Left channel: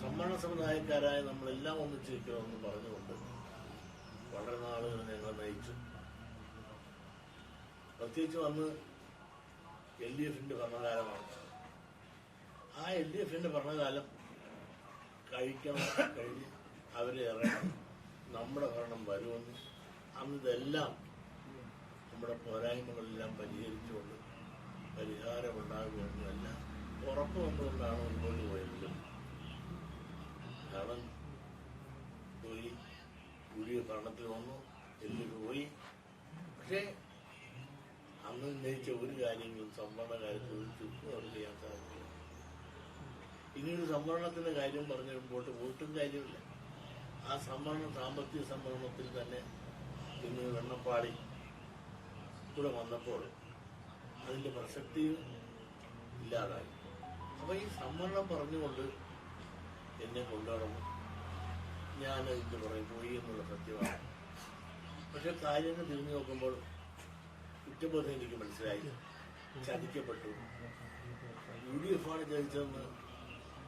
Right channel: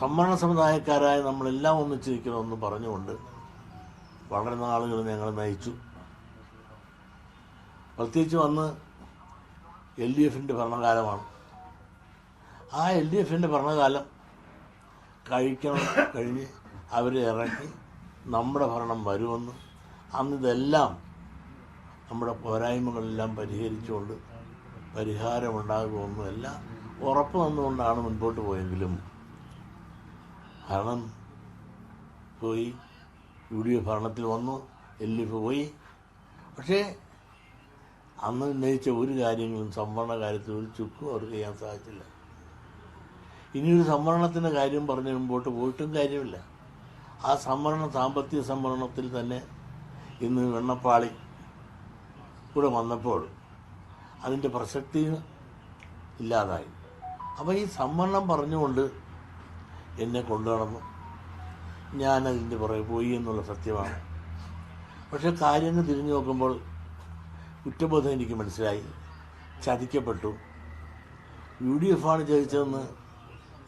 സംവരണ സമുദായക്കാരായ നമ്മളെല്ലാം ഒന്നിച്ചിരിക്കണമെന്ന് പറഞ്ഞുകൊണ്ട് വളരെ നാളുകൾ ഞങ്ങൾ നയിച്ചു. പ്രത്യേകിച്ച് വന്ന് എൽ ഡി എഫിന്റെ ഭരണകാലമാണ്. ആ എൽ ഡി എഫിന്റെ ഭരണകാലം കഴിക്കണം കഴിഞ്ഞ് അവരെ ഇറക്കി നമ്മുടെ ഭരണം വരുമെന്ന് അന്ന് ഇതെല്ലാം നമ്മുടെ പോരായ്മകളെല്ലാം പരിഹരിച്ചുകൊണ്ട് പരിഹാരമുണ്ടാകുമെന്നും എല്ലാം ഉറപ്പ് വന്നുകൊണ്ടാണ് മുൻപോട്ട് പോയെങ്കിലും ഭരണം പോയി യു ഡി എഫ് ഭരണത്തിൽ വന്നു എൽ ഡി എഫ് പോയി. പക്ഷേ അന്ന് ഉന്നയിച്ച ഒരു കാര്യങ്ങളും സംവരണ കാര്യത്തിൽ ഒരു ചുക്കും അവർക്ക് ചെയ്യാൻ സാധിച്ചില്ല. ഇനിയൊരു സംവരണത്തിന്റെ കാര്യം പറഞ്ഞ് മുമ്പോട്ട് പോയിട്ടും കാര്യമില്ല. ആ സംവരണ സാമ്പത്തിക സംവരണത്തിൽ തന്നെ ഇന്ന് വെണ്ണപ്പാളി കൂടെ വന്നപ്പോൾ അതിന്റെ പ്രസക്തി ഇല്ലാതായി. അപ്പോൾ ഈ സംവരണം പറഞ്ഞുകൊണ്ട് എന്നെ കൊണ്ടുനടന്നു. ഞാനതിന്റെ പുറകെ പോയി എന്നുള്ള സത്യമാണ്. പക്ഷെ കാര്യങ്ങൾ തിരിഞ്ഞു നോക്കുമ്പോൾ കുറ്റബോധം എനിക്ക് മനസ്സിലായി. ചതിക്കപ്പെട്ടു. യു ഡി എഫാണ് ആണ് ജയിച്ചതെന്ന്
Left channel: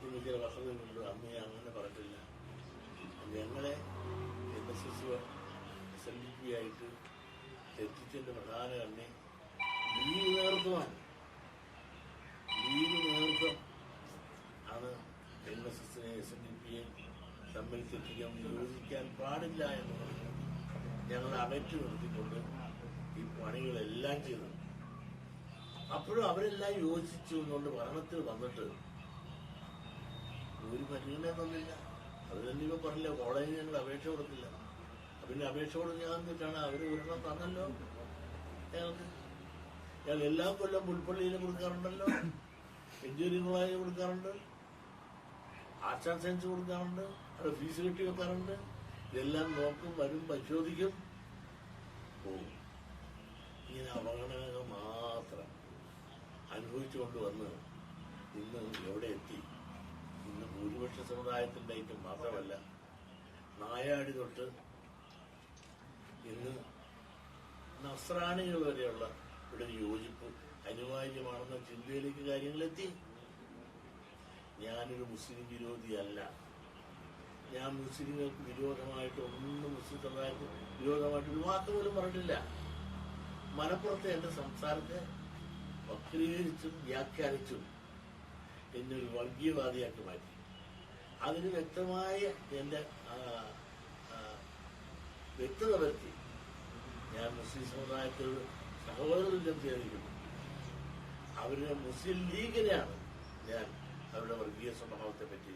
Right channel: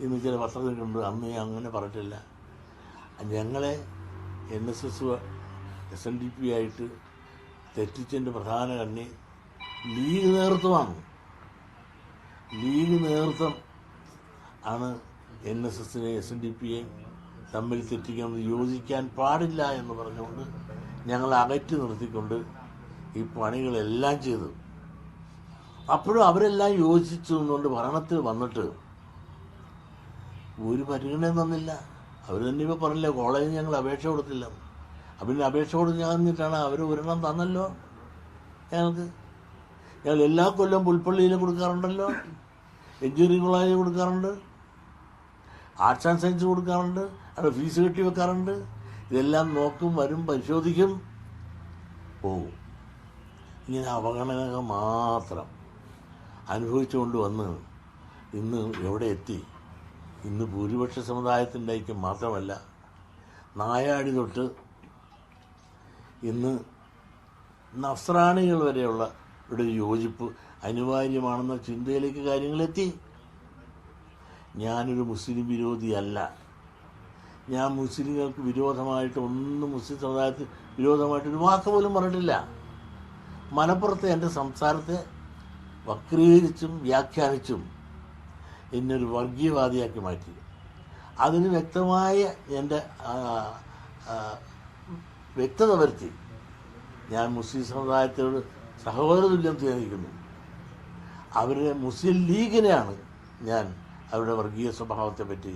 ഇന്ന് ചില വസ്ത്രത്തിനുണ്ട് അന്ന് അങ്ങനെ പറഞ്ഞിട്ടില്ല. ഞങ്ങളെ N S S S N D P ആയിട്ട് തെറ്റിച്ചതിന്റെ പ്രധാന കണ്ണി ലീഗ് നേതൃത്വമാണ്. ലീഗ് നേതൃത്വം ആണ് എൻ എസ് എസിനെ എസ് എൻ ഡി പിയെ തമ്മിൽ തെറ്റിക്കാൻ യോജിക്കാൻ പാടില്ല എന്ന് പറഞ്ഞുകൊണ്ട് ഞങ്ങൾ അകറ്റി നിർത്തിക്കൊണ്ട് ഈ പണികളെല്ലാം ചെയ്തു. അപ്പോഴും അവരെല്ലാം യോജിച്ചു എന്നുകൊണ്ട് ഭരണത്തിൽ വന്നിട്ട് ഒരു പരിഗണന തന്നില്ല. അവർ തന്നെ ഇപ്പോൾ പറഞ്ഞില്ല കോളേജിൽ ഞങ്ങൾ അപേക്ഷ കൊടുത്തില്ല. അപ്പം അപേക്ഷ കൊടുക്കാന്നിട്ടാണ് അവർ ഒരെണ്ണം തന്നല്ലോ ഞങ്ങൾക്ക്. ഞങ്ങൾ എല്ലാ കൊല്ലം പുൽപ്പള്ളിയിൽ കൊടുക്കാറുണ്ടല്ലോ എഞ്ചിനീയറിംഗ് കോളേജിൽ കൊടുക്കാറുണ്ട്. ആർട്സ് ആൻഡ് സയൻസ് കൊടുക്കാറുണ്ട് അവിടെ ഫീസ് കെട്ടി വെക്കാറുണ്ട്. ഇതെല്ലാം നോക്കും വരും പരിശോധിക്കും. ഓ ഇങ്ങനെ അവഗണന മാത്രം അനുഭവിച്ചുകൊണ്ട് വന്ന് ഇന്ന് എവിടെ എത്തി? ഇന്ന് ഭൂരിപക്ഷ സമുദായത്തിന്റെ ഐക്യം മാത്രമല്ല നായാടി തൊട്ട് ഇന്ന് നസ്രാണികൾ വരെയുള്ള ഇവിടെ യോജിപ്പ് അനിവാര്യമാണെന്ന ചിന്തയിലേക്ക് കാര്യങ്ങളെത്തി. ഞാനൊരു മുസ്ലിം വിരോധിയല്ല. ഞാൻ മുസ്ലിങ്ങൾക്ക് വിരോധമായിട്ട് ഒന്നും മുസ്ലിം സമുദായത്തിൽ വിരോധമായിട്ട് ഒരു വാക്ക് പോലും പറഞ്ഞിട്ടില്ല. മലപ്പുറത്തെ എന്റെ സംസാരത്തെ വക്രീകരിച്ചും വ്യാഖ്യാനിച്ചും എന്നൊരു വർഗീയവാദിയാക്കി മാറ്റി. അതിന് വ്യക്തമായ എന്റെ വ്യക്തത വരുത്തി. ഞാൻ മുസ്ലിം സമുദായത്തോട് സഹോദര തുല്യം സ്നേഹിക്കുന്നു അവരുടെ മുസ്ലിം ലീഗിനെയാണ് ഞാൻ അവരുടെ വർഗീയ സ്വഭാവത്തെ പറ്റി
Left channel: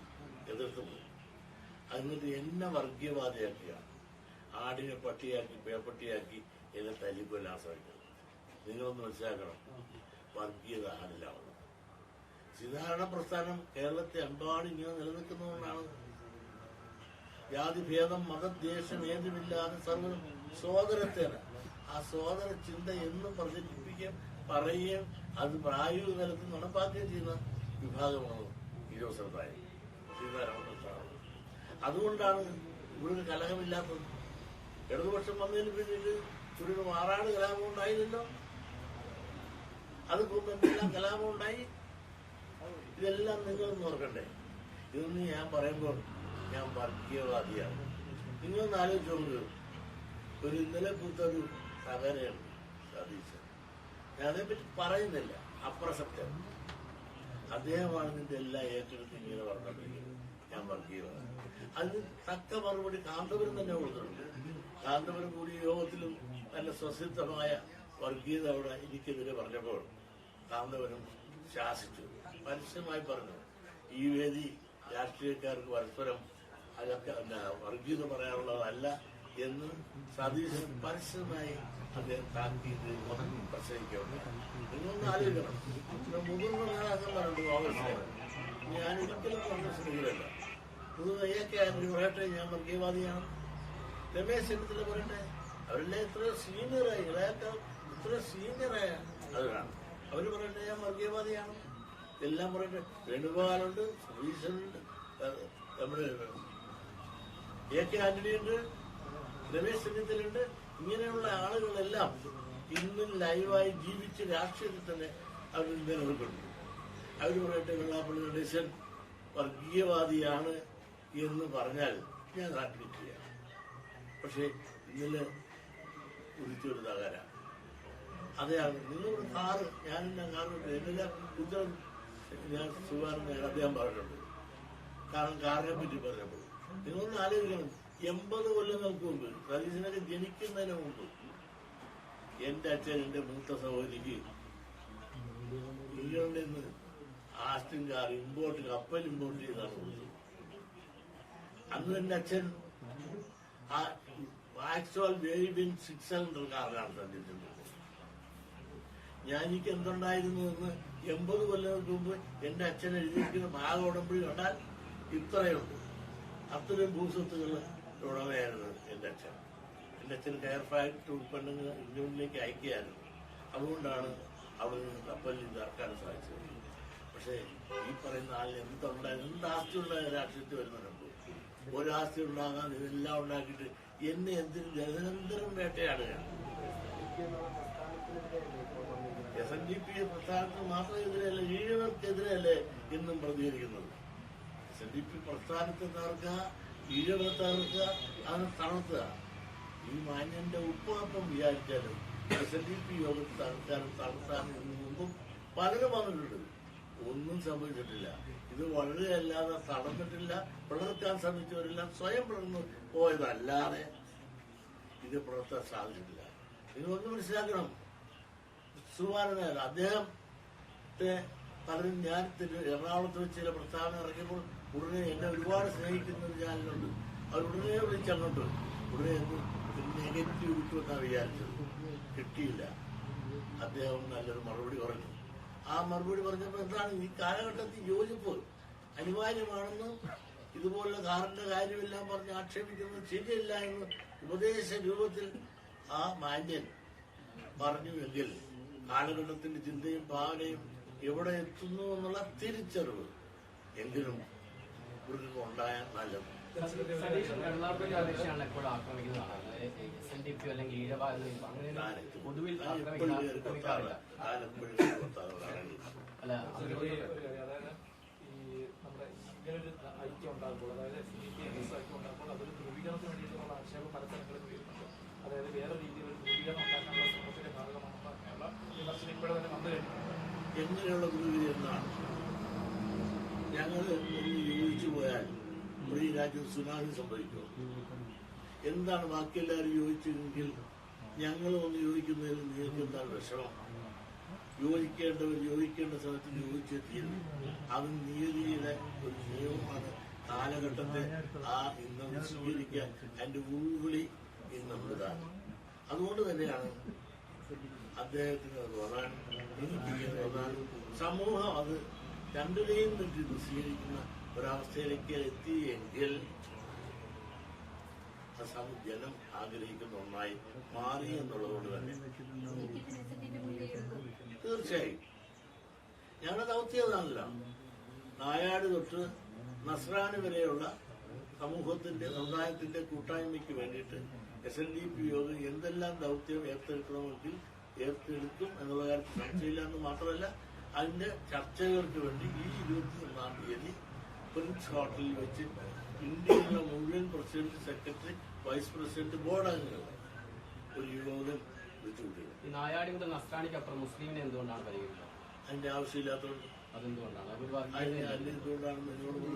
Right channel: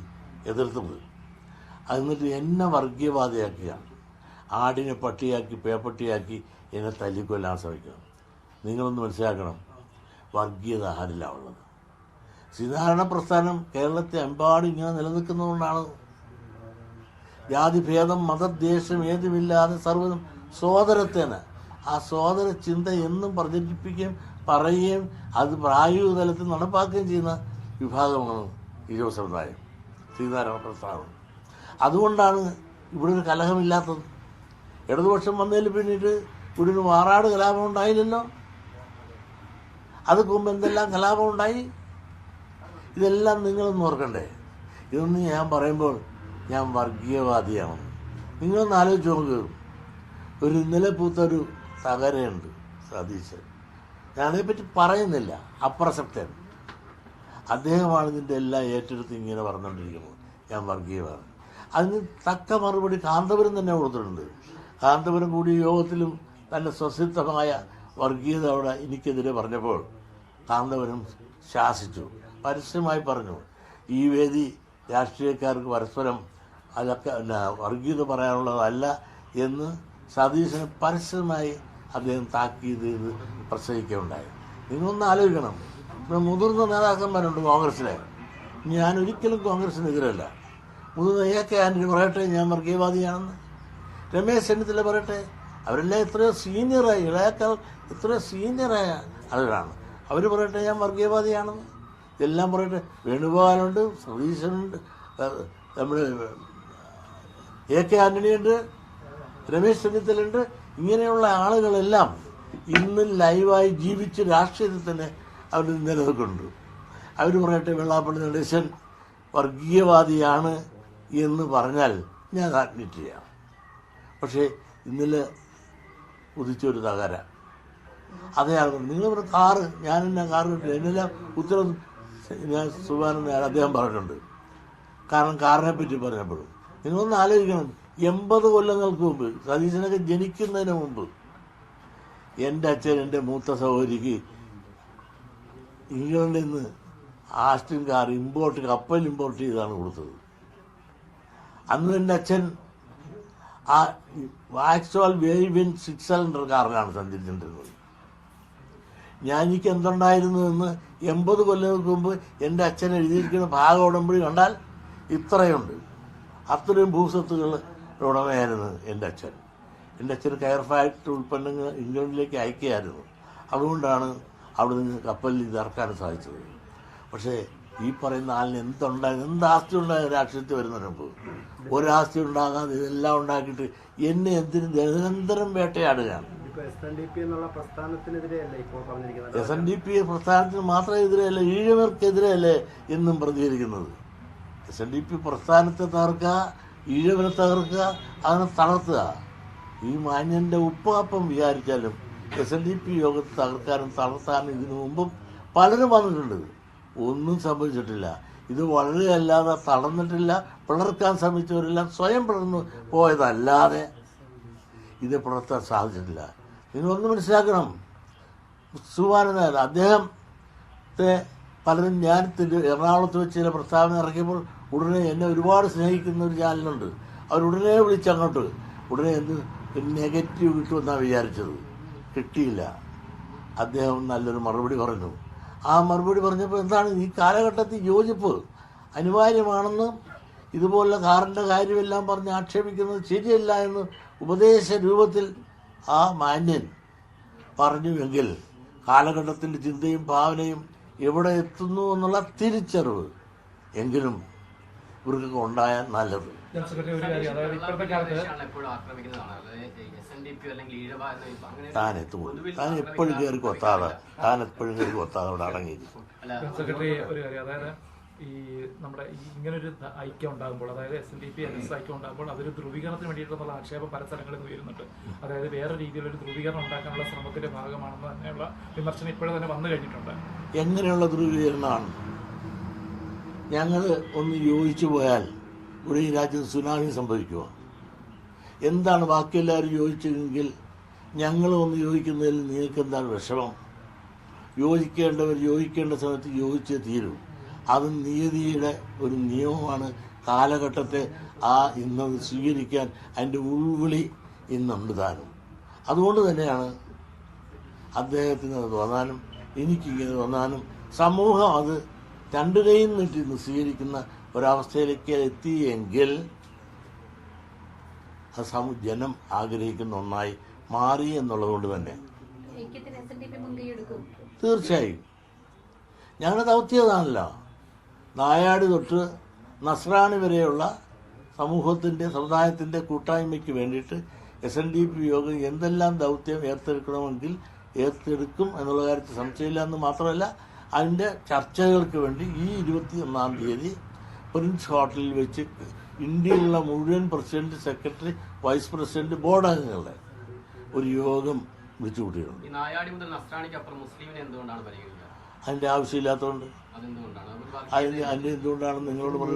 എതിർത്തത്. എന്നിട്ട് എന്നെ വർഗീയവാദിയാക്കിയാണ് ആടിനെ പട്ടിയാക്കി പേപ്പട്ടിയാക്കി എന്നെ തല്ലിക്കൊല്ലാൻ ശ്രമിക്കുന്നത് നിങ്ങളൊന്ന് മനസ്സിലാക്കണം വർഗീയത ആരില്ല ഉള്ളത്? ശ്രീനാരായണ പ്രസ്ഥാനം കേരളത്തെ എമ്പാടും ഇങ്ങനെ നിലനിൽക്കുന്നതുകൊണ്ടാണ്. ജാതിഭേദം മതദ്വേഷം ഏതുമില്ലാതെ സർവതും സോദരത്തേന് ആ സോദര ചിന്ത എന്നും പ്രചരിപ്പിക്കുകയും പറയുകയും അത് പ്രായോഗിക തലത്തിൽ നടപ്പാക്കുകയും ചെയ്യുന്ന വിഭാഗമാണ് ഈരോ സമുദായം. ശ്രീനാരായണ പ്രസ്ഥാനം അതുകൊണ്ടാണ് ഇവിടെ ഒരു കലഹമില്ലാത്തത്. ഇടതുപക്ഷം വന്നതിൽ പിന്നീട് ഇവിടെ ഒരു മാറാട് കലാപം ഉണ്ടായില്ലല്ലോ? അത് മുമ്പ് എന്തെല്ലാം കലാപം ഉണ്ടായി? ഇതെല്ലാം നിങ്ങളൊന്ന് ഓർക്കണ്ടേ? ഇതൊന്നും ഞാൻ പറയുമ്പോൾ ഞാൻ വർഗീയവാദിയാണ്. നിങ്ങളൊന്ന് ആലോചിച്ച് നോക്ക്. ഒരു ഇന്നലെ പൂത്തൊരു തകരയുണ്ട് സതീശൻ. ഞാനതിനെപ്പറ്റി പറയുന്നില്ല. അപ്രസക്തൻ. അദ്ദേഹമാണ് ഇതിന്റെ എല്ലാം ഏറ്റെടുത്ത് ഇങ്ങനെ പറഞ്ഞുകൊണ്ടിരിക്കുന്നത് ഞാൻ വർഗീയമാണ്. അതിന് തക്ക മറുപടി കാന്തപുരം തന്നെ കൊടുത്തിട്ടുണ്ട്. കാന്തപുരം കൂടി യോഗത്തിലും നല്ല സ്വസിദ്ധമായ വർഗീയത അവിടെ എനിക്കെതിരെ പറഞ്ഞപ്പോൾ കാന്തപുരം ശാസിച്ചു. പരസ്യമായി പറഞ്ഞു ഈ വേദി രാഷ്ട്രീയക്കാർക്ക് പരസ്പരം അതൊക്കെ വർഗീയത പറയാനുള്ളതല്ല എന്ന് സതീശന് പരസ്യമായി അദ്ദേഹം താക്കീത് ചെയ്ത് പ്രസംഗിക്കുകയുണ്ടായി. നിങ്ങളൊന്ന് ആലോചിക്കണം. മുതിർന്ന നേതാക്കന്മാരുണ്ട് കോൺഗ്രസ്സിലെ. ഞാൻ ഒരിക്കലും കോൺഗ്രസ്സിനെതിരല്ല മുതിർന്ന എ കെ ആന്റണി പറയട്ടെ ഞാൻ വർഗീയവാദിയാണെന്ന്. രമേശ് ചെന്നിത്തല പറയട്ടെ അവരെല്ലാം ഇത്രയും സീനിയറായി ഇളയാക്കാൾ ഇത്രയും സീനിയറായ ആളുകളാണ്. അവർ പറയട്ടെ ഞാൻ വർഗീയവാദിയാണെന്ന്. ഇതെല്ലാം പറയട്ടെ വേണുഗോപാലുണ്ട് സതീശനുണ്ട് ഏഹ് നമ്മുടെ എ കെ ആന്റണിയുണ്ട് രമേശ് ചെന്നിത്തലുണ്ട് ഇങ്ങനെയുള്ള ആളുകളെല്ലാം ഇന്ന് ലൈവായി ജീവിച്ച് രാഷ്ട്രീയത്തിൽ തന്നെ അവർ നിലനിൽക്കുന്നുണ്ട് അവർ പറയട്ടെ വെള്ളാപ്പള്ളി നടേശൻ വർഗീയവാദിയാണ് എന്ന് പറഞ്ഞാൽ ഞാൻ അഡ്മിറ്റ് ചെയ്യാം പക്ഷേ ഇന്നലെ ഉദിച്ചൊരു തകര. അതേ നിങ്ങൾ നിങ്ങളിവിടെ കാറ് ഞാനെല്ലാം കാറ് കിട്ടില്ല എന്നെല്ലാം ഉത്തരം ഞാൻ സുബാനൻ അദ്ദേഹം പറഞ്ഞിട്ടുണ്ട്. കാരണം കാറിനെ പറ്റി പറഞ്ഞപ്പോഴും. നിങ്ങളൊന്ന് ആലോചിക്കണം. എൺപത് കൊല്ലങ്ങൾക്ക് മുമ്പ് സതീശനൊക്കെ ജനിക്കുന്നതിന് മുമ്പ് എന്റെ അച്ഛൻ എന്റെ മൂത്ത സഹോദരിക്ക് ഇംഗ്ലണ്ടിൽ നിന്ന് ആസ്റ്റിൻ കാർ ഇമ്പോർട്ട് കപ്പൽ ഇമ്പോർട്ട് ചെയ്താണ് കൊടുത്തത്. അന്ന് എന്റെ അച്ഛൻ ആ വാക്സോൾ വേവിൻ സിക്സ് സിലിണ്ടർ കാറിലാണ് സഞ്ചരിച്ചിട്ടുള്ളത് ഞാൻ എനിക്ക് എന്തുണ്ടായിരുന്നു എന്ന് എൺപത് കൊല്ലങ്ങൾക്ക് മുമ്പ് എന്റെ അച്ഛൻ എഴുതിയിരിക്കുന്ന ഭാഗം ഉടമ്പടി കണ്ടാൽ ഇത്രയുണ്ട്. അത്രയും ഭൂസ്വത്തുകൾ ഉടമയായിരുന്നു എന്റെ അച്ഛൻ. എന്റെ അച്ഛൻ കയർ ഫാക്ടറി ഉൽപ്പന്നങ്ങൾ ഇംഗ്ലണ്ടിലേക്ക് അയക്കുകയായിരുന്നു. അതുകൊണ്ടാണ് അവിടെ നിന്ന് കപ്പലിൽ ഇത് ഇറക്കാൻ സാധിച്ചത്. പക്ഷേ ഈ പറയുന്ന ആളിന് എന്തുണ്ടായി എന്ത് ആസ്തി ഉണ്ടായ രാഷ്ട്രീയത്തിൽ വരുന്ന മുമ്പ് ഒരാസ്തി ഉണ്ടാകാതെ ഇതെല്ലാം ഉണ്ടാക്കിയിട്ട് എന്നെ എന്തിനും നിരന്തരം വേട്ടയാടുകയാണ്. എസ് എൻ ഡി പി പ്രസ്ഥാനത്തിന് മാത്രം എതിരെയല്ല ഈഴവർക്കെതിരെയല്ലേ എന്നും പ്രതികരിക്കുന്നത്. എസ് എൻ ഡി പി പ്രസ്ഥാനത്തെ തകർക്കുക ഈഴവനെ തകർക്കുക അതിനെ തളർത്തുക. ഈ മാന്യന്റെ ഉപ്പാപ്പം വിചാരിച്ചാലും എസ് എൻ ഡി പി യോഗത്തെ തകർക്കാനും തളർത്താനും ഇതിനു മുമ്പും പലരും വന്നിട്ടുണ്ട്. ഒന്നും സംഭവിച്ചിട്ടില്ല. ഇത് വളരെ അല്ലാതെ തളർന്നിട്ടില്ല. പിളർക്കാൻ ശ്രമിച്ചവരെല്ലാം സ്വയം പിളർന്നു പോയതല്ലാതെ ഇത് പുലർത്താൻ സാധിച്ചിട്ടില്ല. നിങ്ങളൊന്ന് മനസ്സിലാക്കണം. സുവാനനായ അദ്ദേഹത്തെ പലരും ഞാൻ എറണാകുളത്ത് വെച്ച് ചില പ്രസ്താവന ഇറക്കിയപ്പോൾ ഉടനെ എന്നെ ഒരുപാട് സ്നേഹിക്കുന്ന ഒരു ചാനലുണ്ട്. അവരുടനെ വിളിച്ചങ്ങോട്ട് ഉടനെ എന്ത് നെഗറ്റീവ് കിട്ടുമെന്നാണ് വിചാരിച്ചത്. കിട്ടിയില്ല. അദ്ദേഹം നല്ലൊരു മറുപടി പറഞ്ഞു. ആ മറുപടി പറഞ്ഞപ്പോൾ എന്താണ് ഈ കാലഘട്ടത്തിൽ യോജിപ്പ്? അനിവാര്യമാണെന്ന് ഇതുപോലുള്ള കാറിന്റെ കാര്യമെല്ലാം പറഞ്ഞ് ആക്ഷേപിക്കുന്നത് ശരിയല്ല എന്ന് ഉപദേശ രൂപത്തിൽ ആ മാന്യൻ പറഞ്ഞുവെങ്കിൽ കാലഘട്ടത്തിന്റെ ചിന്തയും ഭാവനയും എവിടെ എത്തുന്നു എന്നുള്ള തിരിച്ചറിവ് എങ്കിലും ഇവർക്ക് ഉണ്ടായ നല്ലത്. ജനറൽ സെക്രട്ടറി ഒരു കാര്യം അതായത് ഇപ്പോഴത്തെ കാലത്ത് താൻ എത്തുമ്പോൾ താൻ എപ്പോഴും കയറി കൊത്താതെ താൻ എപ്പോഴും കയറി കൊത്താതെ അവിടെ അടങ്ങിയില്ല സെക്രട്ടറി ഒരു കാര്യം അതായത് ഈ നമ്മുടെ ഇങ്ങനെ ഇങ്ങനൊരു ഐക്യം ഉണ്ടാകുമ്പോൾ അതായത് S N D P N S ഐക്യം ഉണ്ടാകുമ്പോൾ അതൊരു ധ്രുവീകരണത്തിന് വേണ്ടിയിട്ടുള്ള ആക്ഷേപം പല സ്ഥലങ്ങളിൽ ഉയരുന്നുണ്ട് അതായത് വേറെ രീതിയിലൊരു ധ്രുവീകരണം ഉണ്ടാക്കാനുള്ള ശ്രമത്തിന്റെ ഭാഗമാണെന്ന് തന്നെയുള്ള വിമർശനം ഇപ്പോഴും തന്നെ വന്നു കഴിഞ്ഞിട്ടുണ്ട്. എങ്ങനെയുള്ള ധ്രുവീകരണമാണ്? ഞങ്ങൾ ഒന്ന് യോജിച്ചു പോയാൽ ഇവിടെ ഈ രാജ്യത്ത് സുനാമി സംഭവിക്കുമോ? എന്താണ് ബാക്കിയെല്ലാവരും യോജിച്ചതെങ്കിൽ ഞങ്ങൾ ഒന്ന് യോജിക്കുന്നതിൽ നിങ്ങൾക്ക് എന്താണ് വിഷമം? യോജിക്കേണ്ടവർ യോജിക്കേണ്ട സമയത്ത് യോജിച്ചേ തീരും. അത് നിയതിയുടെ ഒരു നിയമമാണ്. കാലഘട്ടത്തെ ആ ഇന്നത് സ്വീകരിക്കാൻ അതിന്റെ ഉൾവിളി ഇന്നുണ്ട് താനും. അതുകൊണ്ട് തന്നെയാണ് അദ്ദേഹത്തിന് അത് തോന്നാനും എനിക്കിങ്ങനെ തോന്നാനും സമൂഹം അത് രണ്ടു കൈയും നീട്ടി ഇന്ന് സ്വീകരിക്കുന്ന ഒരവസ്ഥയിലേക്ക് എത്തിയെങ്കിൽ അത് ജനം ആഗ്രഹിക്കുന്ന ഒന്നായി മാറി എന്നുള്ളത് കൊണ്ട് തന്നെ തീർച്ചയായും. ഞങ്ങളുടെ ദൗത്യതാണല്ലോ നായാടി തൊട്ട് നസ്രാണി വരെയുള്ള സമൂഹത്തിന്റെ സമുദായത്തിന്റെ കൂട്ടായ്മയ്ക്ക് വേണ്ടിയിട്ട് എസ് എൻ ഡി പി യോഗം എന്തെല്ലാം ദൗത്യം ഏറ്റെടുക്കണമെങ്കിൽ ഏറ്റെടുക്കും എന്നുള്ള കാര്യത്തിൽ സംശയമില്ല എന്ന് മാത്രമല്ല അതിന്റെ ചർച്ചകൾക്ക് വേണ്ടി ഈ ഇരുപത്തി ഒന്നാം തീയതി പ്രിൻസ് ഹോട്ടലിൽ വെച്ച് ഇന്ത്യയിലുള്ള മുഴുവൻ president secretary vice president board അംഗങ്ങളുടെ ഒരു യോഗം വിളിച്ചു കൂട്ടിയിട്ടുണ്ട്. അതിന്റെ ആവശ്യമില്ലാത്തതുകൊണ്ട്. അതിന് അതിന്റെ എന്തുകൊണ്ടാണ് നിങ്ങളോട് പറഞ്ഞ